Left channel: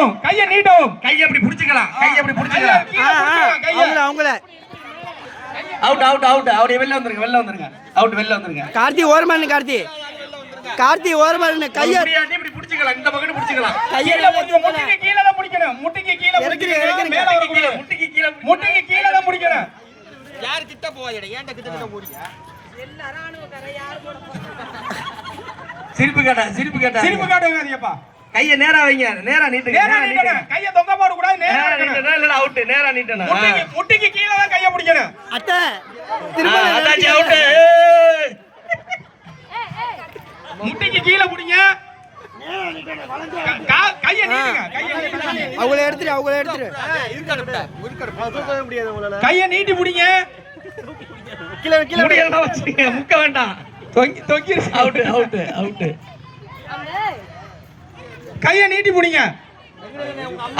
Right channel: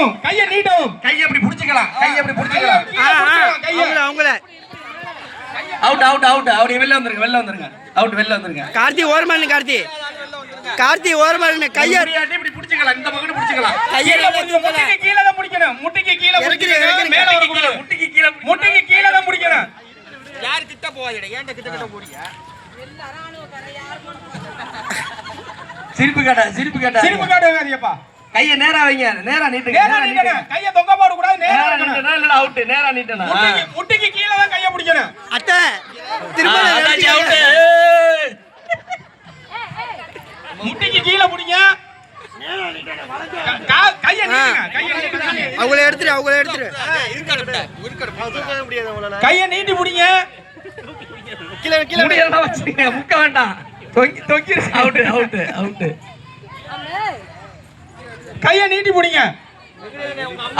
நீட்டவும் கையை நீட்டவும் கையை அப்படி புடிச்சுக்கலாம். கையை அப்படி புடிச்சுக்கலாம். கையை. அவங்கள அவுட் அவுட் அவுட் அப்படி வெளில வந்துருங்க வெளில வந்துருங்க. அவுட் வெளில வந்துருங்க. கார்த்தி ஓரமா கார்த்தி. கார்த்தி ஓரமா கைய இப்படி புடிச்சுக்கலாம். இந்த பக்கம் புடிச்சுக்கலாம். கைய கீழே பிடிச்சு, முட்டிக்கு கீழே தான் பிடிக்கணும். முட்டிக்கு கீழே பிடிக்கணும், முட்டிக்கு கீழே வரக்கூடாது. முட்டிக்கு கீழே முட்டிக்கு கீழே தான் பிடிக்கணும். யார் கிட்ட போவாதீங்க ஏன்ட்ட கிட்ட கிட்ட போறீங்க? சிரிப்பு கேட்டா சிரிப்பு கேட்டா. சிரிப்பு காட்டுவாதியப்பா கையை நேரா வைங்க. நேரா நீட்டுங்க நேரா நீட்டுங்க. கையை தொங்க போட கூடாது நேரா. நீட்டணும் இல்ல அவுட் நேரா நீட்டணும் முட்டிக்கு முட்டிக்கு கீழே தான் கையை பிடிக்கணும். திரும்ப அவுட் முட்டிக்கு கீழே பிடிங்க. அவங்கள எடுத்துரு அவங்கள எடுத்துரு. கையை நீட்டி பிடிங்க. முடியலாம் வச்சுங்க முக்க வேண்டாம். தொங்கி தொங்கி அவுட் அவுட் அவுட் கையை நீட்டி பிடிங்க.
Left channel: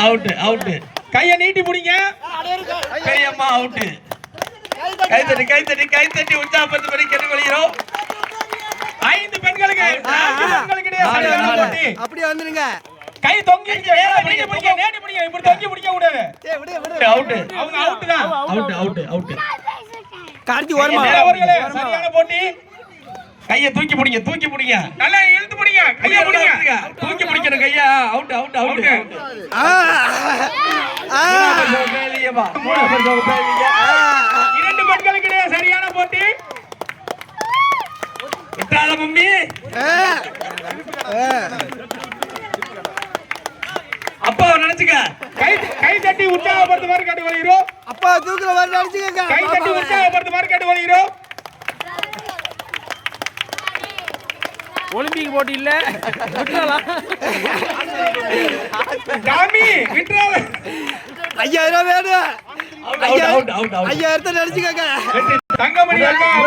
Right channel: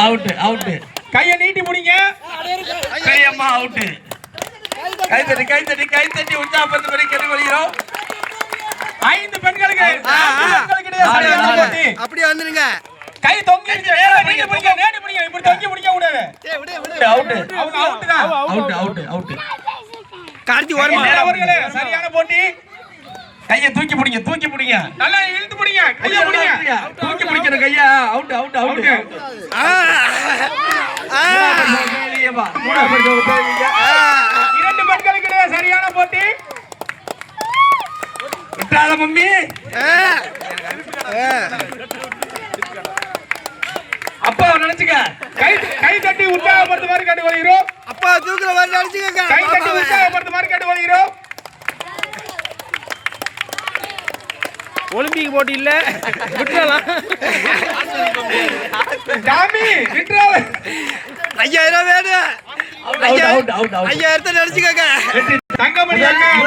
அவுட் அவுட் கையை நீட்டி பிடிங்க. பெரியம்மா அவுட் கை தட்டி கை தட்டி கை தட்டி உற்சாகப்படுத்தபடி கேட்டுக்கொள்கிறோம் ஐந்து பெண்களுக்கு. அப்படியே வந்துருங்க. கை தொங்கி பிடிங்க பிடிங்க நேரா பிடிங்க. இப்படி தொங்கி பிடிக்க கூடாது அவுட் அவங்க அவுட் தான். அவுட் அவுட் அவுட் கார்த்தி ஓரமா. அவர்களே சரியான போட்டி. கையை தூக்கி பிடிங்க தூக்கி பிடிங்க. நல்லா இழுத்து பிடிங்க கையை பிடிங்க. அவுட் அவுட் அவுட் ஆ, ஆ, ஆ. இரண்டு பெண்களுக்கு இடையே சரியான போட்டி. விட்டாத மம்மி. ஆ. ஆ. அப்பா நினைச்சுக்க. கை கை தட்டி உற்சாகப்படுத்துமாறு கேட்டு வருகிறோம் அப்பா தூக்குற மாதிரி நினைச்சுக்கோங்க. கை தட்டி பாப்பாவை. உற்சாகப்படுத்துமாறு கேட்டு வருகிறோம் ஒலிம்பிக் போட்டி இல்ல. விட்டுறலாம். சாமி விட்டுறாத. ஐயாயிரம் வேணும். ஐயாயிரத்தை நினைச்சுக்கோங்க. தங்கமணி